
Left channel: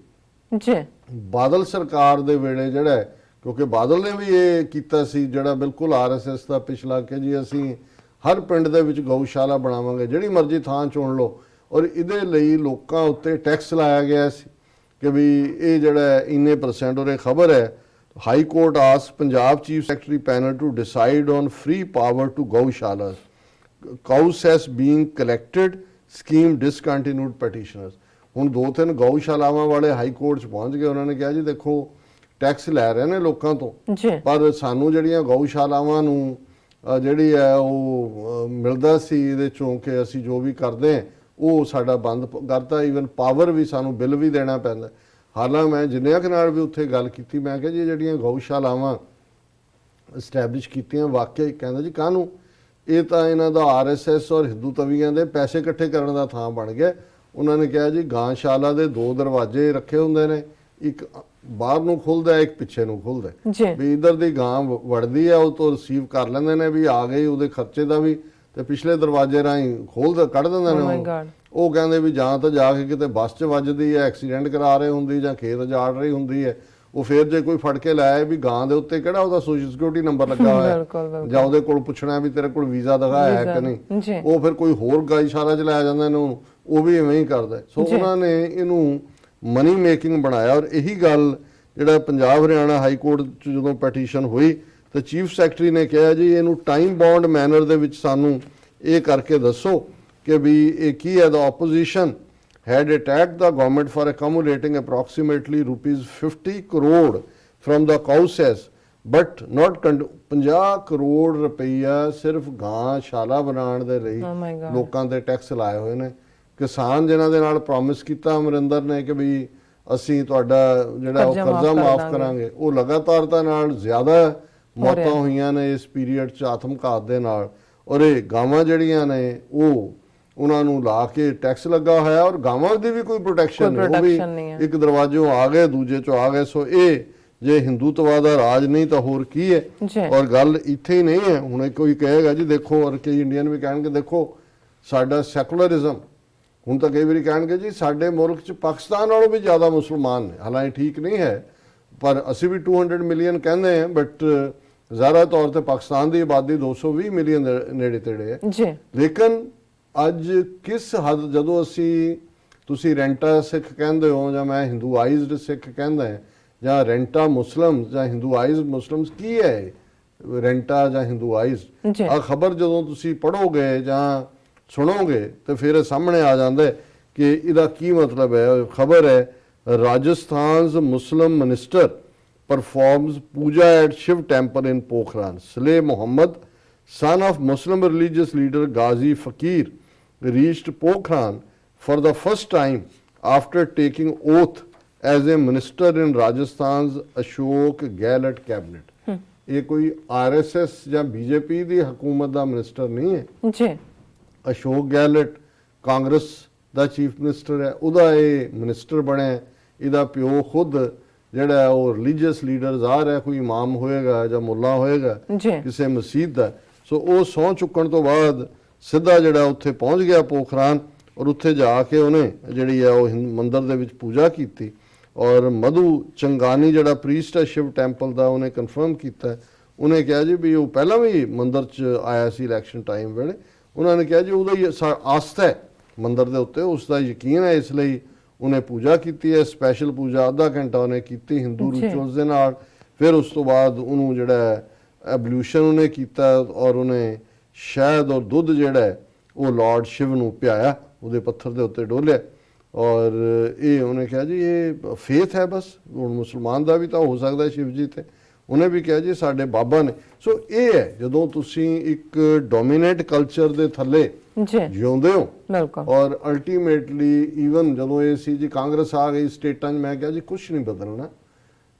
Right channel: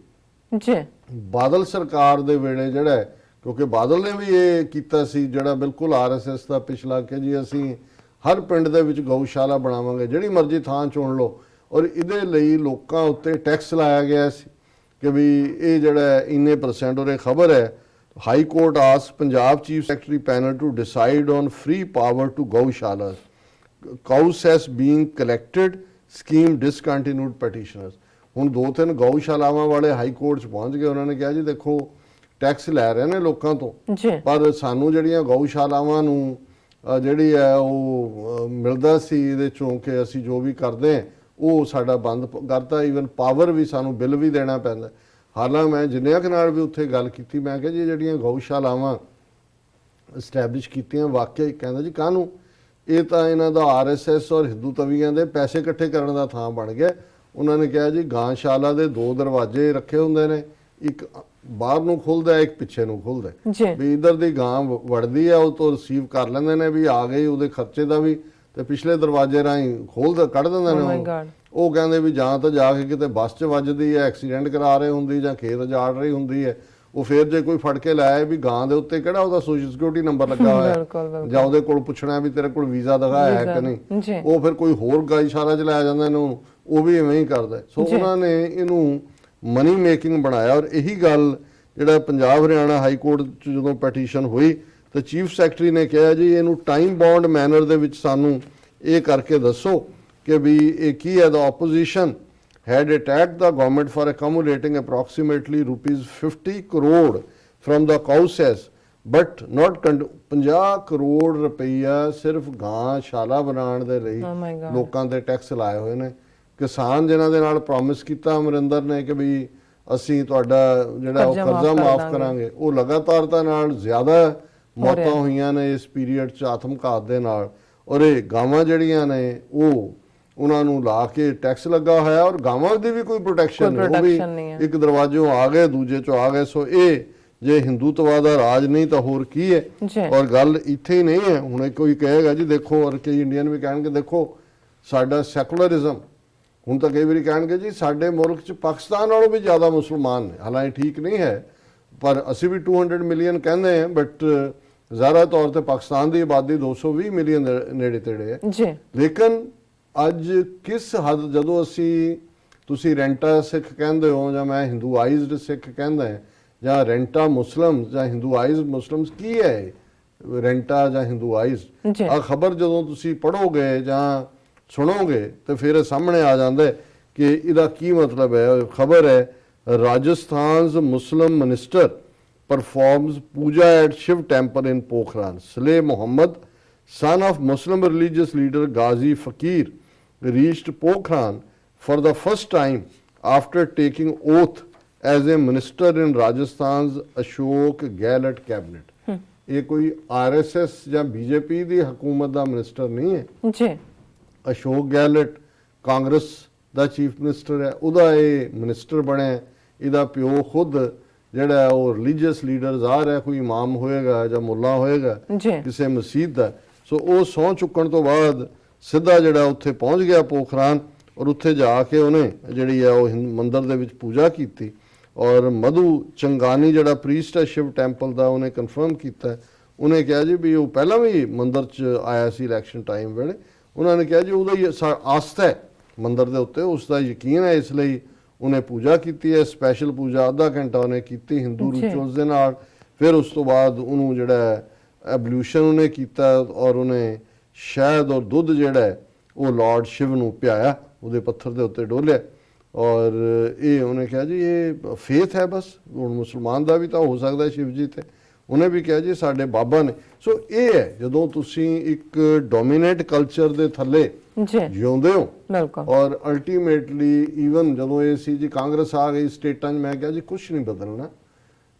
ਬਾਦਲ ਸਰਕਾਰ ਦੇ ਵੇਲੇ ਜਿਹੜਾ, ਕਿਉਂਕਿ ਬਾਦਲ ਨੇ ਵੀ ਇਹ ਕੀਤਾ ਸੀ ਜਿਹੜਾ ਬਿਲਕੁਲ RSS ਦਾ ਪਿਛਲਾ ਕਿ ਜੀ ਅਸੀਂ ਹਰ ਪਿੰਡ ਦੇ ਵਿੱਚ ਗਊਸ਼ਾਲਾ ਬਣਾਵਾਂਗੇ, ਜਿਹੜੀ ਮਰਜ਼ੀ ਥਾਂ ਚੁਣ ਲਓ, ਔਰ ਇਹਦੇ ਲਈ ਲੋਕਾਂ ਉੱਤੇ ਟੈਕਸ ਲਾਇਆ ਗਿਆ ਸੀ ਕਿ ਵੀ ਇਹ ਜਿਹੜਾ ਇੰਨੇ %, ਔਰ ਇਹ ਖਬਰ ਹੈ ਹਾਈ ਕੋਰਟ ਆਸ Punjab chief secretary panel to decide on free power to gaushalas, cow cess being collected, scheme discontinued petitioners. ਹੁਣ 2-3 ਗਊਸ਼ਾਲਾਵਾਂ ਵਾਲੇ ਹਾਈ ਕੋਰਟ 'ਚ ਪਹੁੰਚ ਗਏ, ਉਹਨਾਂ ਨੇ ਕਿਹਾ ਜੀ ਦੇਖੋ ਟੈਕਸ ਲੈ ਰਹੇ ਨੇ ਲੋਕਾਂ ਤੋਂ, ਪਰ ਸਾਨੂੰ ਜਿਹੜੀਆਂ ਗਊਸ਼ਾਲਾਵਾਂ ਨੂੰ ਜਿਹੜੀ ਹੈ ਉਹ ਮਿਲਦਾ ਸੀ ਇਹਦੇ ਚੋਂ ਕਿ ਅਸੀਂ ਜੋ ਵੀ ਕਰਦੇ ਉਹ ਸਾਡਾ ਬੰਦ ਕਰਤਾ, ਈਵਨ ਪਾਵਰ ਵੀ ਸਾਨੂੰ ਬਿੱਲ ਵੀ ਦੇਣਾ ਪੈਂਦਾ। ਹਾਲਾਂ ਮੈਂ ਜਿੰਨਿਆਂ ਕੁ ਨਾਲ ਵੀ ਉੱਥੇ ਗੱਲ ਕੀਤੀ, ਮੈਂ ਕਿਹਾ ਜੀ ਜਿਹੜੀਆਂ ਗਊਸ਼ਾਲਾਵਾਂ ਐਸਟੈਬਲਿਸ਼ ਕੀਤੀਆਂ ਵਾਕਿਆ ਹੀ ਕਹਿੰਦਾ ਜੀ ਕਾਹਨੂੰ, ਇਹ ਤਾਂ ਇਹਨਾਂ ਦਾ ਆਰਐਸਐਸ ਔਰ ਹਿੰਦੂ ਤਵੀਆਂ ਦੇ ਪੈਸੇ ਇਕੱਠੇ ਕਰਨ ਦਾ ਥਾਂ ਬਣ ਗਿਆ। ਉਹਨਾਂ ਨੇ ਕਿਹਾ ਜੀ ਗਾਂਸ਼ਾਲਾ ਦੇ 2 ਦਰਵਾਜ਼ੇ ਰੱਖੇ ਹੁੰਦੇ ਨੇ, ਇੱਕ ਬਾਹਰ ਨੂੰ ਖੁੱਲਦਾ ਇੱਕ ਪਿੱਛੇ ਨੂੰ ਖੁੱਲਦਾ, ਵੀ ਇਧਰ ਦੀ ਗਾਂ ਵੜਦੀ ਹੈ ਉਹ ਤੋਂ ਰਿਸੀਵ ਕਰ ਲੈਂਦੇ ਨੇ ਵੀ ਆ ਗਈ, ਉਹਦੇ ਖਰਚੇ ਦਾ ਵੀ, ਤੇ ਪਿਛਲੇ ਦਰਵਾਜ਼ੇ ਰਾਹੀਂ ਕੱਢ ਦਿੰਦੇ ਨੇ। ਉਹ ਕਹਿੰਦੇ ਵੀ ਜਾਂ ਤਾਂ ਜਾ ਕੇ ਕਿਤੇ ਬੱਸ 'ਚ ਵੱਜਦੀ ਹੈ, ਐਕਸੀਡੈਂਟ ਕਰਾ ਰਹੇ ਹੁੰਦੀ ਜਾਂ ਖੇਤ ਜਾੜ ਰਹੀ ਹੁੰਦੀ ਹੈ, ਉਹ ਫਿਰ ਜੇ ਕੋਈ ਫੜ ਕੇ ਲਾਇਆ ਵੀ ਗਾਂ ਦੇ ਉੱਤੇ ਕਿਹੜਾ ਉਹਦਾ ਸੋਸ਼ਲ ਸਿਕਿਉਰਿਟੀ ਨੰਬਰ ਲੱਗਾ ਹੋਇਆ ਜਾਂ ਉਹਦੇ ਕੋਲ ਪੁੱਛਣਾ ਵੀ ਤੇਰੇ ਕੋਲ ਵੀਜ਼ਾ ਦਿਖਾਇਆ ਹੈ ਕਿ ਨਹੀਂ, ਉਹ ਫਿਰ ਕੋਈ ਹੋਰ ਗਾਈਸ਼ਾਲਾ 'ਚ ਲੈ ਜਾਂਦਾ ਇਹਨੂੰ, ਉਹ ਵੀ ਐਵੇਂ ਹੀ ਕਰਦਾ। ਸੋ ਉਹਨਾਂ ਨੇ ਇਹਨੂੰ ਮਨੀ ਮੇਕਿੰਗ ਬਣਾਇਆ। ਔਰ ਇਹੀ ਗੱਲ ਜਿਹੜਾ ਪੰਜਾਬ ਹਰਿਆਣਾ ਹਾਈ ਕੋਰਟ 'ਚ ਜਦੋਂ ਪੈਟੀਸ਼ਨ ਹੋਈ ਤਾਂ ਚੀਫ ਸੈਕਟਰੀ ਨੇ ਕਿਹਾ ਜੀ ਇਹਨੂੰ ਟਾਈਮ ਬਾਉਂਡ ਮੈਨਰ ਦੇ ਵਿੱਚ ਸਾਨੂੰ ਇਹ ਕਰਕੇ ਦੱਸੋ ਕਿ ਵੀ ਇਹ ਕੀ ਹੈ। ਦਾ opposition had attacked the government for accumulating approximately rupees 50 crore from the cow cess but not 50 crore ਰੁਪਈਆ ਸਿਰਫ ਗਾਂਸ਼ਾਲਾ ਬਣਾਉਣ ਦੇ ਲਈ ਲੋਕਾਂ ਤੇ ਟੈਕਸ ਲਾਏ ਹੋਏ ਨੇ। ਕਿਸਾਨ ਜਿਨ੍ਹਾਂ ਦੇ ਨਾਲ ਪ੍ਰੋਮਿਸ ਕੀਤਾ ਅਮਰਿੰਦਰ ਨੇ ਕਿ ਵੀ ਅਸੀਂ ਤੁਹਾਡਾ ਜਿਹੜਾ ਉਹ ਕਰਜ਼ਾ ਮਾਫ ਕਰਾਂਗੇ, ਉਹ ਲਗਾਤਾਰਤਾ ਨਾਲ ਜ਼ਿਆਦਾ ਮੌਤਾਂ ਹੋਈਆਂ ਨੇ ਇਸ ਪੀਰੀਅਡ 'ਚ ਆਤਮਘਾਤ ਦੇ ਨਾਲ। ਔਰ ਇਹ ਗਾਵਾਂ ਜਿਹੜੀਆਂ ਨੇ ਉਹਨਾਂ ਨੂੰ ਲਾ ਕੇ ਟੈਕਸ ਲੱਗਾ ਹੋਇਆ ਔਰ ਗਾਵਾਂ ਦੀ ਵੀ ਕੋਈ ਪ੍ਰੋਟੈਕਸ਼ਨ ਨਹੀਂ, ਉਹ ਵੀ ਇੱਕ ਦਰਵਾਜ਼ੋਂ ਆ ਗਏ ਦੂਜੇ ਚੋਂ ਆ ਗਏ। ਸੋ ਇਹ ਜੇ ਹਿੰਦੂਤਵਾ ਦਾ ਰਾਜ ਨਹੀਂ ਤਾਂ ਹੋਰ ਕੀ ਹੈ। ਔਰ ਗੱਲ ਇੱਥੇ ਹੀ ਨਹੀਂ ਹੈ, ਹੁਣ ਕੋਈ ਕਹੇਗਾ ਜੀ ਦੇਖੋ, ਔਰ ਕਈ ਇੰਡੀਅਨ ਵੀ ਕਹਿਣਗੇ ਦੇਖੋ ਸਾਡਾ ਸੈਕੂਲਰਿਜ਼ਮ, ਹੁਣ ਤਾਂ ਕਈ ਵਾਰੀ ਕਹਿਣਗੇ ਜੀ ਸਾਡੇ ਮੁਲਕ 'ਚ ਪਾਕਿਸਤਾਨ ਨਾਲੋਂ ਵੀ ਜ਼ਿਆਦਾ ਮੁਸਲਮਾਨ ਨੇ, ਹਾਲਾਂਕਿ ਠੀਕ ਨਹੀਂ ਹੈ ਪਰ ਅਸੀਂ ਵੀ 200 ਮਿਲੀਅਨ ਕਹਿੰਦੇ ਹਾਂ, ਬਟ ਜ਼ਾਹਰਾ ਤੌਰ ਤੇ ਪਾਕਿਸਤਾਨ ਦੀ ਆਬਾਦੀ 220 ਮਿਲੀਅਨ ਦੇ ਨੇੜੇ ਤੇੜੇ ਹੈ। ਲੇਕਿਨ ਅੱਜ ਕਿਸ ਹੱਦ ਜਦੋਂ ਤੁਸੀਂ ਰੈਂਟਾ ਸਿੱਖ ਕਹਿੰਦੇ ਹੋ ਜਾਂ ਮੈਂ ਹਿੰਦੂਆਈਜ਼ਡ ਸਿੱਖ ਕਹਿੰਦਾ ਜਾਂ ਰੈਂਟਾ ਮੁਸਲਮ ਜਾਂ ਹਿੰਦੂਆਈਜ਼ਡ ਮੁਸਲਮਸ, ਕੀ ਹੈ ਰੈਂਟਾ ਜਾਂ ਹਿੰਦੂਆਈਜ਼ਡ? ਆ ਖਬਰ ਜਦੋਂ ਤੁਸੀਂ ਪੜ੍ਹੋਗੇ ਜਾਂ ਸੁਣੋਗੇ ਤੇ ਫਿਰ ਸਾਹਮਣੇ ਆ ਜਾਂਦਾ ਕਿ ਇਹਦਾ ਕੀ ਮਤਲਬ ਹੈ। ਖਬਰ ਹੈ ਰਾਜਸਥਾਨ's Muslim minister performs puja at Shiv temple in Pokhran. Saleh Muhammad, son of Muslim religious leader Ghazi Fakir, reached Pokhran for the first time after taking oath as a minister in Rajasthan's Ashok Gehlot cabinet. ਇਹ ਕੋਈ ਆਰਐਸਐਸ ਜਾਂ ਬੀਜੇਪੀ ਦੀ ਹਕੂਮਤ ਦਾ ਮਿਨਿਸਟਰ ਨਹੀਂ ਹੈ ਜੀ। ਅਸ਼ੋਕ ਗਹਿਲੋਟ ਕਾਂਗਰਸ ਦਾ ਚੀਫ ਮਿਨਿਸਟਰ ਹੈ, ਉਹਦਾ ਇਹ ਮਿਨਿਸਟਰ ਬਣਿਆ। ਇਹਦਾ ਪਿਓ ਖੁਦ ਜਿਹੜਾ ਉਹ ਰਿਲੀਜੀਅਸ ਲੀਡਰ ਜ਼ਾਹਰ ਹੈ ਕੋਈ ਇਮਾਮ ਹੋਏਗਾ ਜਾਂ ਮੁੱਲਾ ਹੋਏਗਾ ਕਿਸੇ ਮਸਜਿਦ ਦਾ। ਸੋ ਉਹ ਸਹੁੰ ਚੁੱਕਣ ਤੋਂ ਬਾਅਦ ਸਿੱਧਾ ਜਿਹੜਾ ਉੱਥੇ ਪਹੁੰਚ ਗਿਆ ਪੋਖਰਾਨ ਔਰ ਉੱਥੇ ਜਾ ਕੇ ਉਹਨੇ ਜਿਹੜੀ ਹੈ ਉਹ ਮੰਦਿਰ ਦੇ ਵਿੱਚ ਪੂਜਾ ਕੀਤੀ। ਔਰ ਮਧੂ ਚੰਗਾਨੀ ਜਿਹੜਾ ਪ੍ਰੀਸਟ ਹੈ ਸ਼ਿਵ ਟੈਂਪਲ ਦਾ, ਉਹਨੇ ਕਨਫਰਮ ਕੀਤਾ, ਉਹਨੇ ਕਿਹਾ ਜੀ ਵੀ ਉਹ ਪਹਿਲਾਂ ਵੀ ਮੰਦਿਰ 'ਚ ਆਇਆ ਸੀ ਇਲੈਕਸ਼ਨ ਟਾਈਮ ਵੇਲੇ। ਉਹਨਾਂ ਨੇ ਕਿਹਾ ਜੀ ਉਹਦਾ ਹੀ ਆਸਥਾ ਹੈ ਮੰਦਿਰ ਦੇ ਉੱਤੇ, ਉਸ ਦਾ ਯਕੀਨ ਹੈ, ਇਸ ਲਈ ਉਹਨੇ ਪੂਜਾ ਕੀਤੀ ਹੈ। ਸਪੈਸ਼ਲ ਪੂਜਾ ਅੱਧਾ ਘੰਟਾ ਉਹਨੇ ਕੀਤੀ ਹਿੰਦੂ ਰਿਚੁਅਲਸ ਦੇ ਨਾਲ। ਫਿਰ ਉਸ ਤੋਂ ਬਾਅਦ ਉਹਨੂੰ ਜਿਹੜਾ ਐਬਲੂਸ਼ਨ ਉਹਨੇ ਕੀਤਾ ਔਰ ਉਹਨੇ ਸ਼ਹਿਦ ਔਰ ਦੁੱਧ ਜਿਹੜਾ ਉਹ ਲਾਰਡ ਸ਼ਿਵ ਨੂੰ ਪਿਆਇਆ, ਉਹਦੇ ਪੱਥਰ ਦੇ ਉੱਤੇ ਡੋਲਿਆ। ਔਰ ਇਹ ਉਹਨੇ ਕਿਹਾ ਜੀ ਇਹ ਫੇਥ ਹੈ, ਬਸ ਹੁਣ ਮੁਸਲਮਾਨ ਦਾ ਵੀ ਤਾਂ ਹੋ ਸਕਦਾ ਸ਼ਿਵ ਜੀ ਤੇ। ਉਹਨੇ ਵੀ ਕਿਹਾ ਜੀ ਸਾਡੇ ਬਾਬਾ ਨੇ। ਸੋ ਇਹ ਹੈ ਜਦੋਂ ਤੁਸੀਂ ਇੱਕ ਡੋਮੀਨੇਟ ਕਲਚਰ ਦੇ ਥੱਲੇ ਜਿਉਂਦੇ ਹੋ ਔਰ ਅਲਟੀਮੇਟਲੀ ਈਵਨ ਜਦੋਂ ਇਹ ਸੀ ਜੀ ਕਾਂਗਰਸ ਆ ਗਈ ਸਟੇਟਾਂ 'ਚ, ਮੈਂ ਕਿਹਾ ਜੀ ਕੁਛ ਨਹੀਂ ਬਦਲਣਾ।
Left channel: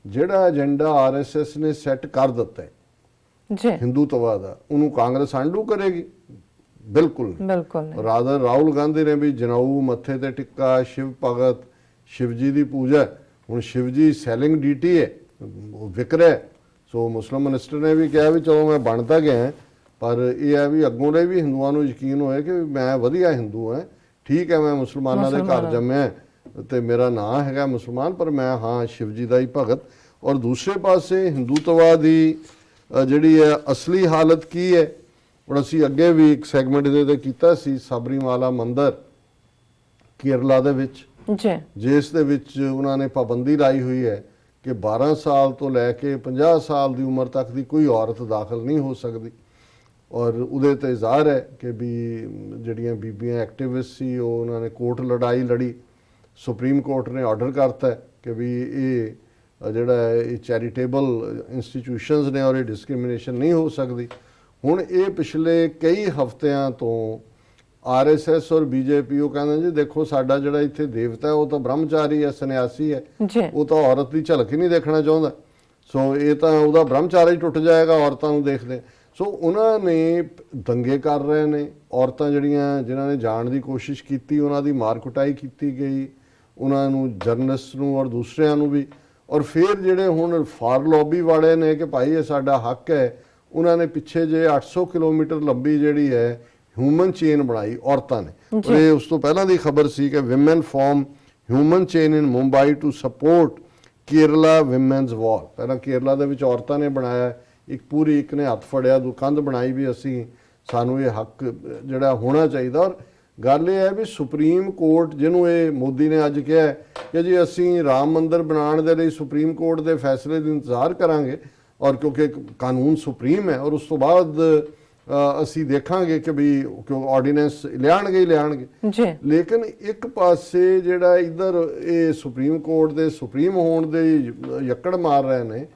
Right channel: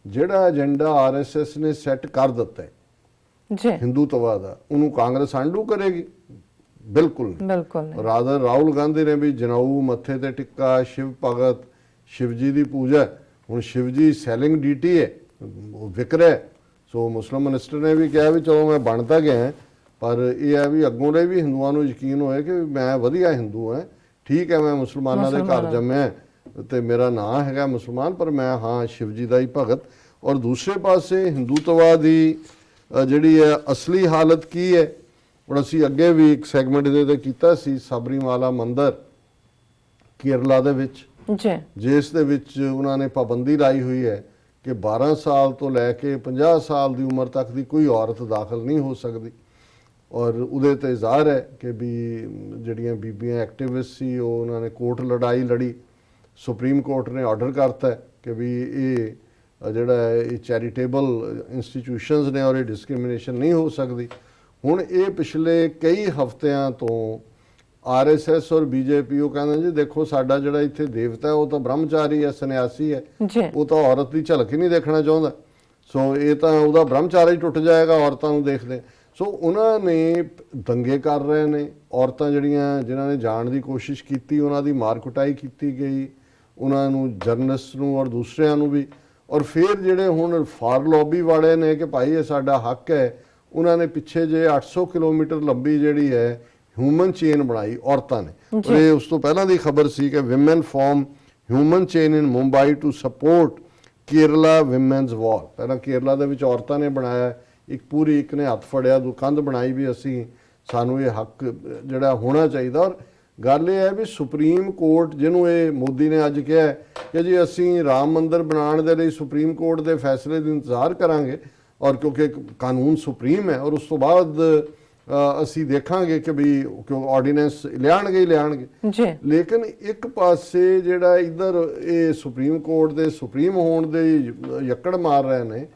ਜਿਹੜਾ ਏਜੰਡਾ ਆਰਐਸਐਸ ਨੇ ਸੈੱਟ ਕਰ ਦਿੱਤਾ ਹੈ ਹਿੰਦੂਤਵਾ ਦਾ, ਉਹਨੂੰ ਕਾਂਗਰਸ ਆਂਡੂ ਕਰੇਗੀ? ਬਿਲਕੁਲ ਰਾਦਰ ਰਾਹੁਲ ਗਾਂਧੀ ਨੇ ਵੀ ਜਨਾਊ ਮੱਥੇ ਤੇ ਟਿੱਕਾ, ਸ਼ਿਵ ਭਗਤ, ਸ਼ਿਵ ਜੀ ਦੀ ਪੂਜਾ। ਹੁਣ ਸ਼ਿਵ ਜੀ ਸੈਲਿੰਗ ਡੀਟੀ ਹੈ, ਉਹ ਵਿਕ ਰਿਹਾ। ਸੋ ਮੁਸਲਿਮ ਮਿਨਿਸਟਰ ਨੇ ਵੀ ਕਿਹਾ ਵੀ ਚਲੋ ਮੈਂ ਬਣ ਤਾਂ ਗਿਆ, ਪਰ ਇਹ ਹੈ ਵੀ ਅੱਗੋਂ ਦੇ ਵੀ ਹਿੰਦੂਆਂ ਨੂੰ ਯਕੀਨ ਹੋਏ ਕਿ ਮੈਂ ਵਧੀਆ ਹਿੰਦੂ ਹਾਂ। ਠੀਕ ਹੈ ਮੈਂ ਮੁਸਲਮਾਨਾਂ ਦੇ ਘਰ ਜੰਮਿਆ ਤੇ ਮੇਰਾ ਨਾਂ ਹੈਗਾ ਮੁਸਲਮਾਨ, ਪਰ ਮੈਂ ਹਾਂ ਸ਼ਿਵ ਜੀ ਦਾ ਹੀ ਭਗਤ। ਔਰ ਦੂਸਰੇ ਪਾਸੇ ਹਿੰਦੂਤਵਾ ਦੀ ਜਿਹੜੀ ਹੈ ਅਸਲੀ ਹਾਲਤ ਕੀ ਹੈ, ਹੁਣ ਅਸੀਂ ਅੱਗੇ ਵੀ ਇੱਕ ਸੈਗਮੈਂਟ ਇਹਦੇ ਤੇ ਕੀਤਾ ਸੀ, ਸਬਰੀਮਾਲਾ ਮੰਦਿਰ ਕੇਰਲਾ ਦੇ ਵਿੱਚ, ਜਿਸ ਦੇ ਵਿੱਚ ਉਹਨਾਂ ਨੇ ਪਾਬੰਦੀ ਲਾਈ ਹੋਈ ਹੈ ਕਿ 12 ਸਾਲ ਤੋਂ ਲੈ ਕੇ 50 ਸਾਲ ਦੀ ਉਮਰ ਤੱਕ ਦੀ ਕੋਈ ਔਰਤ ਦਾਖਲ ਨਹੀਂ ਹੋ ਸਕਦੀ। ਔਰ ਉਹਦੇ ਤੇ ਜ਼ਾਹਰ ਹੈ ਕਿ ਵੀ ਜਿਹੜੀਆਂ ਬੀਬੀਆਂ ਐਕਟਿਵਿਸਟ ਸੀ ਉਹ ਉਹਨਾਂ ਨੇ ਕੋਰਟ ਲੜਾਈ ਲੜੀ, ਸੁਪਰੀਮ ਕੋਰਟ ਨੇ ਆਰਡਰ ਕਰਤਾ ਕਿ ਵੀ ਇਹ ਜਿਹੜਾ ਇਹ ਚੈਰੀਟੇਬਲ ਇੰਸਟੀਟਿਊਸ਼ਨਸ ਨੇ ਔਰ ਇਹ ਡਿਸਕ੍ਰਿਮੀਨੇਸ਼ਨ ਨਹੀਂ ਹੋ ਸਕਦੀ। ਹੁਣ ਇਹ ਪਿਛਲੇ ਕਈ ਹਫ਼ਤਿਆਂ ਤੋਂ ਆਰਐਸਐਸ ਔਰ ਬੀਜੇਪੀ ਉਹ ਕਹਿੰਦੇ ਜੀ ਦੇਖੋ ਸਾਡਾ ਜਿਹੜਾ ਇੱਥੇ ਦੇਵਤਾ ਉਹ ਤਾਂ ਬ੍ਰਹਮਚਾਰੀ ਹੈ, ਸੰਨਿਆਸੀ ਹੈ, ਉਹ ਤਾਂ ਔਰਤ ਦੀ ਝਲਕ ਹੀ ਨਹੀਂ ਦੇਖਣਾ ਚਾਹੁੰਦਾ। ਸੋ ਇਹ ਤਾਂ ਉਹਦਾ ਬ੍ਰਹਮਚਾਰੀ ਹੀ ਟੁੱਟ ਜਾਏਗਾ ਔਰਤਾਂ ਨੂੰ ਦੇਖਦੇ। ਸੋ ਉਹਨਾਂ ਨੇ ਦੰਗੇ ਕਰ ਰਹੇ ਨੇ, ਔਰਤਾਂ ਜਿਹੜੀਆਂ ਜਿਨ੍ਹਾਂ ਨੇ ਜਾਣ ਦੀ ਕੋਸ਼ਿਸ਼ ਕੀਤੀ ਉਹਨਾਂ ਦੀ ਮਾਰ ਕੁਟਾਈ ਕੀਤੀ ਗਈ, ਉਹਨਾਂ ਨੂੰ ਜਰਨਲਿਸਟ ਨੂੰ ਔਰ ਦੂਸਰਿਆਂ ਨੂੰ ਵੀ। ਔਰ ਫਿਰ ਜਿਹੜੇ ਹੁਣ ਫਾਰ ਲੌਬੀ ਵਾਲੇ ਨੇ ਕਿ ਭਾਈ ਇਹ ਸਾਡਾ ਹੱਕ ਹੈ, ਉਹਨਾਂ ਨੇ ਪਿੱਛੇ ਜੇ 800 ਕਿਲੋਮੀਟਰ ਲੰਬੀ ਜਿਹੜੀ ਹੈ ਹਿਊਮਨ ਚੇਨ ਬਣਾਈ ਔਰਤਾਂ ਨੇ। ਔਰ ਇਹ ਉਸ ਤੋਂ ਪਹਿਲਾਂ ਦੀ ਖਬਰ ਸੀ ਕਿ women form human chain in Mumbai to support Kerala women's wall. ਪਹਿਲਾਂ ਕੇਰਲਾ ਦੇ ਵਿੱਚ ਔਰਤਾਂ ਨੇ ਬਣਾਇਆ ਇੱਕ ਪੂਰੀ, ਇੱਕ ਨੇ ਹੱਥ ਫੜਿਆ, ਕੰਧ ਬਣਾਈ ਵੀ ਅਸੀਂ ਸਾਨੂੰ ਇਹ ਹੱਕ ਜਿਹੜਾ ਹੋਣਾ ਚਾਹੀਦਾ। ਔਰ ਗੱਲ ਇਹ ਹੈ ਵੀ ਸੁਪਰੀਮ ਕੋਰਟ ਜਿਹਨੂੰ ਇਹ ਮੋਦੀ ਨੇ ਅੱਜ ਕਿਹਾ ਕਿ ਜੀ ਅਸੀਂ ਰਾਮ ਮੰਦਿਰ ਬਣਾਉਣ ਦੇ ਲਈ ਸੁਪਰੀਮ ਕੋਰਟ ਦੇ ਫੈਸਲੇ ਦਾ ਇੰਤਜ਼ਾਰ ਕਰਾਂਗੇ, ਔਰ ਕਿਉਂਕਿ ਕਾਨੂੰਨ ਸੁਪਰੀਮ ਹੈ, ਔਰ ਉਸ ਤੋਂ ਬਾਅਦ ਅਸੀਂ ਦੇਖਾਂਗੇ ਕਿ ਵੀ ਆਰਡੀਨੈਂਸ ਲਿਆਣਗੇ ਜੀ। ਲੇਕਿਨ ਇੱਕ ਪਾਸੇ ਜਿਹੜਾ ਇਧਰ ਇਹ ਸੁਪਰੀਮ ਕੋਰਟ ਦੇ ਸੁਪਰੀਮ ਹੋਣ ਦੇ ਯੱਕੜ ਮਾਰ ਰਹੇ ਨੇ,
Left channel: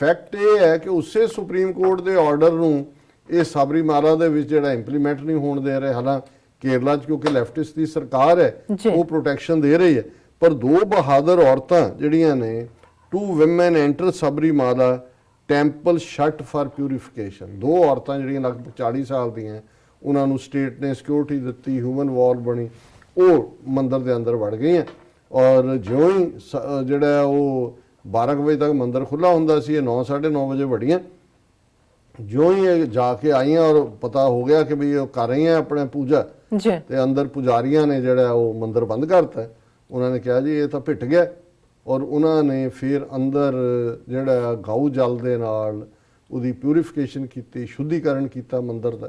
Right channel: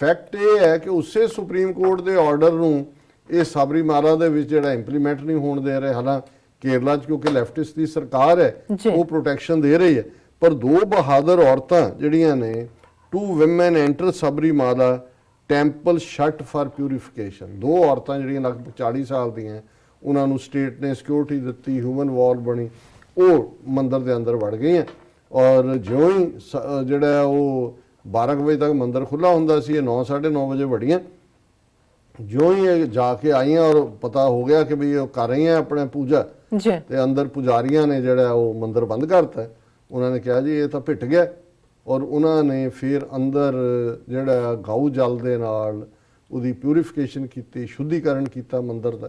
ਫੈਕਟ ਇਹ ਹੈ ਕਿ ਉਸੇ ਸੁਪਰੀਮ ਕੋਰਟ ਦੇ ਆਰਡਰ ਨੂੰ ਇਹ ਸਾਬਰੀਮਾਲਾ ਦੇ ਵਿੱਚ ਜਿਹੜਾ ਇੰਪਲੀਮੈਂਟ ਨਹੀਂ ਹੋਣ ਦੇ ਰਹੇ। ਹਾਲਾਂਕਿ ਕੇਰਲਾ 'ਚ ਕਿਉਂਕਿ ਲੈਫਟਿਸਟ ਦੀ ਸਰਕਾਰ ਹੈ ਉਹ ਪ੍ਰੋਟੈਕਸ਼ਨ ਦੇ ਰਹੀ ਹੈ, ਪਰ ਦੋ ਬਹਾਦਰ ਔਰਤਾਂ ਜਿਹੜੀਆਂ ਨੇ 2 women enter Sabarimala temple shut for purification. ਦੋ ਔਰਤਾਂ ਜਿਹੜੀਆਂ ਲਗਭਗ 40 ਸਾਲ ਦੀਆਂ, ਉਹਨਾਂ ਨੂੰ ਸਟੇਟ ਨੇ ਸਿਕਿਉਰਿਟੀ ਦਿੱਤੀ, ਹਿਊਮਨ ਵਾਲ ਬਣੀ, ਉਹ ਮੰਦਿਰ ਦੇ ਅੰਦਰ ਵੜ ਗਈਆਂ। ਔਰ ਜਿਉਂ ਹੀ ਜਿਹੜਾ ਉਹ 12 ਵਜੇ ਤੱਕ ਮੰਦਿਰ ਖੁੱਲਾ ਹੁੰਦਾ ਸੀ, ਇਹ 9 9:30 ਵਜੇ ਵੜੀਆਂ। ਜਿਉਂ ਹੀ ਇਹ ਜਾ ਕੇ ਆਈਆਂ ਔਰ ਪਤਾ ਹੋ ਗਿਆ ਕਿ ਵੀ ਉਹ ਕਰ ਰਹੀਆਂ ਆਪਣੇ ਪੂਜਾ, ਤੇ ਅੰਦਰ ਪੁਜਾਰੀਆਂ ਨੇ ਜਿਹੜਾ ਉਹ ਮੰਦਿਰ ਬੰਦ ਕਰਤਾ। ਉਹਨਾਂ ਨੇ ਕਿਹਾ ਜੀ ਇਹ ਤਾਂ ਭਿੱਟ ਗਿਆ, ਔਰ ਉਹਨਾਂ ਨੇ ਫਿਰ ਅੰਦਰ ਜਿਹੜਾ ਗਊ ਜਲ ਦੇ ਨਾਲ ਉਹਦੀ ਪਿਊਰੀਫਿਕੇਸ਼ਨ ਕੀਤੀ, ਸ਼ੁੱਧੀਕਰਨ ਕੀਤਾ ਮੰਦਿਰ ਦਾ,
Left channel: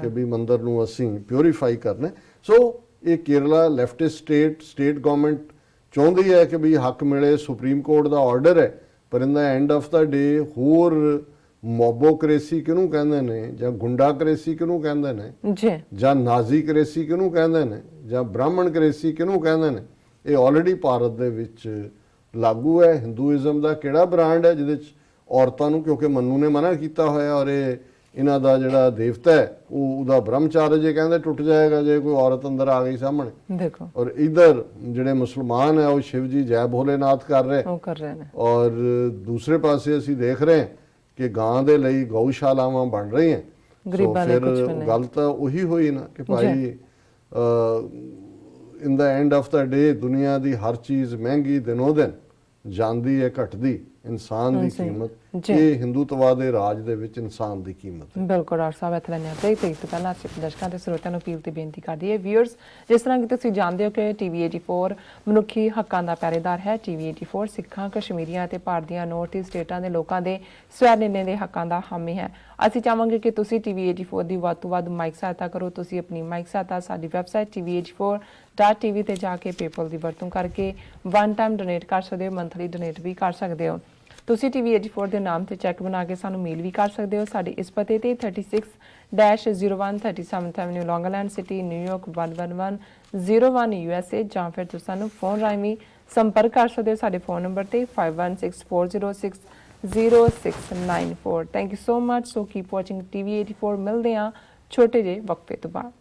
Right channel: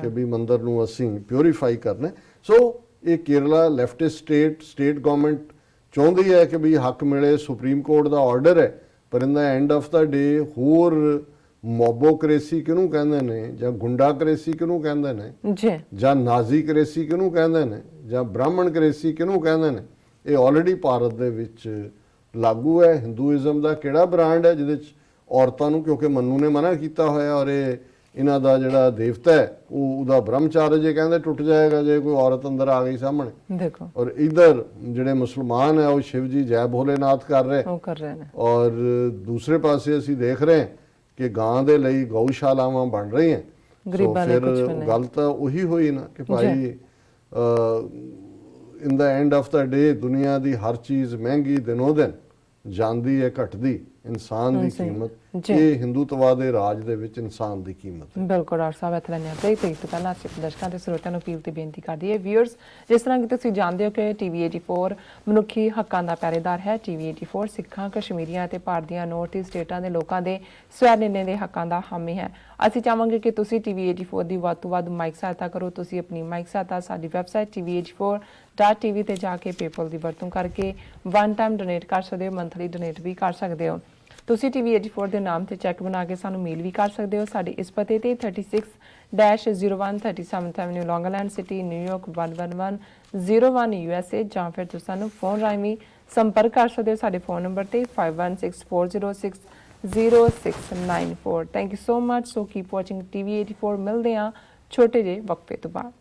ਕਿ ਵੀ ਮੰਦਿਰ ਨੂੰ ਅਸੀਂ ਪਿਊਰੀਫਾਈ ਕਰਨਾ। ਸੋ ਇਹ ਕੇਰਲਾ ਲੈਫਟਿਸਟ ਸਟੇਟ ਗਵਰਨਮੈਂਟ ਚਾਹੁੰਦੀ ਹੈ ਕਿ ਵੀ ਹੱਕ ਮਿਲੇ, ਸੁਪਰੀਮ ਕੋਰਟ ਦਾ ਆਰਡਰ ਹੈ, ਪਰ ਇਨ ਦਾ ਐਂਡ ਆਫ ਦਾ ਡੇ ਹੋਰ ਮੋਬੋਕ੍ਰੇਸੀ ਕਿਹਨੂੰ ਕਹਿੰਦੇ ਨੇ, ਜਾਂ ਗੁੰਡਾਕ੍ਰੇਸੀ ਕਿਹਨੂੰ ਕਹਿੰਦੇ ਨੇ, ਜਾਂ ਨਾਜ਼ੀਕ੍ਰੇਸੀ ਕਿਹਨੂੰ ਕਹਿੰਦੇ ਨੇ, ਜਾਂ ਬ੍ਰਾਹਮਣਕ੍ਰੇਸੀ ਕਿਹਨੂੰ ਕਹਿੰਦੇ ਨੇ, ਇਹ ਆਲਰੇਡੀ ਭਾਰਤ ਦੇ ਵਿੱਚ ਲਾਗੂ ਹੈ। ਹਿੰਦੂਇਜ਼ਮ ਦਾ ਕਿਹੜਾ ਬ੍ਰਾਂਡ ਹੈ ਜਿਹਦੇ 'ਚ ਔਰਤਾਂ ਨੂੰ, ਕਿਉਂਕਿ ਮਨੂ ਨੇ ਮਨਾ ਕੀਤਾ ਹੋਇਆ, ਔਰ ਇਹ ਇਹਨਾਂ ਦਾ ਜਿਹੜਾ ਦੇਵਤਾ ਹੈ ਉਹਦਾ ਬ੍ਰਹਮਚਾਰਜ ਜੇ ਕਹਿੰਦੇ ਟੁੱਟ ਜਾਏਗਾ ਜੇ ਕੋਈ ਔਰਤ ਅੰਦਰ ਆ ਗਈ ਸਾਹਮਣੇ। ਦੇਖੋ, ਔਰ ਇਧਰ ਜਿਹੜੇ ਮੁਸਲਮਾਨ ਹੈ ਉਹ ਸ਼ਿਵ ਜੀ ਜੈ ਭੋਲੇਨਾਥ ਕਰ ਰਹੇ ਨੇ, ਔਰ ਦੂਸਰੇ ਪਾਸੇ ਅਸੀਂ ਦੇਖ ਰਹੇ ਕਿ ਗਾਂ ਦੇ ਲਈ ਗਊਸ਼ਾਲਾਵਾਂ ਬਣ ਰਹੀਆਂ। ਫਿਰ ਗੱਲ ਤਾਂ ਉਹੀ ਹੋਈ ਨਾ ਕਿ ਭਾਈ ਇਨ ਦਾ ਐਂਡ ਆਫ ਦਾ ਡੇ ਦੁਨੀਆ ਦੀ ਹਰ ਚੀਜ਼ ਮਹਿੰਗੀ ਦਿਨੋਂ ਦਿਨ ਜਾਂਦੀ ਹੈ, ਘਟਦੀ। ਇਨਸਾਨ ਦੀ ਕੀਮਤ, ਇਹ ਹਿੰਦੂਤਵਾ ਦੇ ਰਾਜ ਦੇ ਵਿੱਚ ਇਨਸਾਨ ਦੀ ਕੀਮਤ। ਬਿਲਕੁਲ ਡਾਕਟਰ ਸਾਹਿਬ, ਇੱਥੇ ਲੈਣੇ ਆਉਂਦੇ ਹੀ ਤੋਂ ਪਹਿਲਾਂ ਅਸੀਂ ਦਰਸ਼ਕਾਂ ਤੇ ਸਰੋਤਿਆਂ ਨੂੰ ਅਪੀਲ ਤੇ ਬੇਨਤੀ ਕਰਦੀ ਹੈ। ਵਿਊਅਰਸ, ਜਿਸ ਤਰ੍ਹਾਂ ਕਿ ਤੁਸੀਂ ਜਾਣਦੇ ਹੋ ਕਿ ਟੀਵੀ 84 ਮਨੁੱਖੀ ਹੱਕਾਂ ਦਾ ਪਹਿਰੇਦਾਰ ਹੈ। ਟੀਵੀ 84 ਸਿੱਖਾਂ, ਕਸ਼ਮੀਰੀਆਂ ਅਤੇ ਭਾਰਤ ਦੀਆਂ ਨਾਰਥ ਈਸਟ ਸਟੇਟਾਂ ਦੇ ਲੋਕਾਂ ਦੇ ਸਵੈ ਨਿਰਣੇ ਦੇ ਹੱਕਾਂ ਦਾ ਹਾਮੀ ਹੈ। ਅਸੀਂ ਚਾਹਾਂਗੇ ਕਿ ਤੁਸੀਂ ਟੀਵੀ 84 ਦੀ ਵੱਧ ਤੋਂ ਵੱਧ ਮਾਈਕ ਸਹਾਇਤਾ ਕਰੋ। ਤੁਸੀਂ ਆਪਣੀ ਮਾਈਕ ਸਹਾਇਤਾ ਸਾਡੀ ਵੈਬਸਾਈਟ tv84.tv ਤੇ ਜਾ ਕੇ ਪੇਪਲ ਦੀ ਵਰਤੋਂ ਕਰਕੇ ਵਨ ਟਾਈਮ ਡੋਨੇਟ ਕਰ ਸਕਦੇ ਹੋ, ਮੰਥਲੀ ਡੋਨੇਟ ਵੀ ਕਰ ਸਕਦੇ ਹੋ। ਤੁਸੀਂ ਟੀਵੀ 84 ਦੇ ਨਾਮ ਤੇ ਚੈੱਕ ਬਣਾ ਕੇ ਸਾਨੂੰ ਮੇਲ ਵੀ ਕਰ ਸਕਦੇ ਹੋ। ਸਾਡੇ ਇਸ ਪਤੇ ਤੇ 36-01 37th ਐਵਨਿਊ ਲੌਂਗ ਆਈਲੈਂਡ ਸਿਟੀ, ਨਿਊਯਾਰਕ 11101 USA, ਜਾਂ ਫਿਰ ਤੁਸੀਂ ਸਾਨੂੰ ਫੋਨ ਰਾਹੀਂ ਵੀ ਸੰਪਰਕ ਕਰ ਸਕਦੇ ਹੋ ਸਾਡੇ ਫੋਨ ਨੰਬਰ ਤੇ 5164060694। Thank you so much. So keep watching TV 84। ਮਿਲਦੇ ਹਾਂ ਛੋਟੇ ਜਿਹੇ ਵਕਫੇ ਤੋਂ ਬਾਅਦ।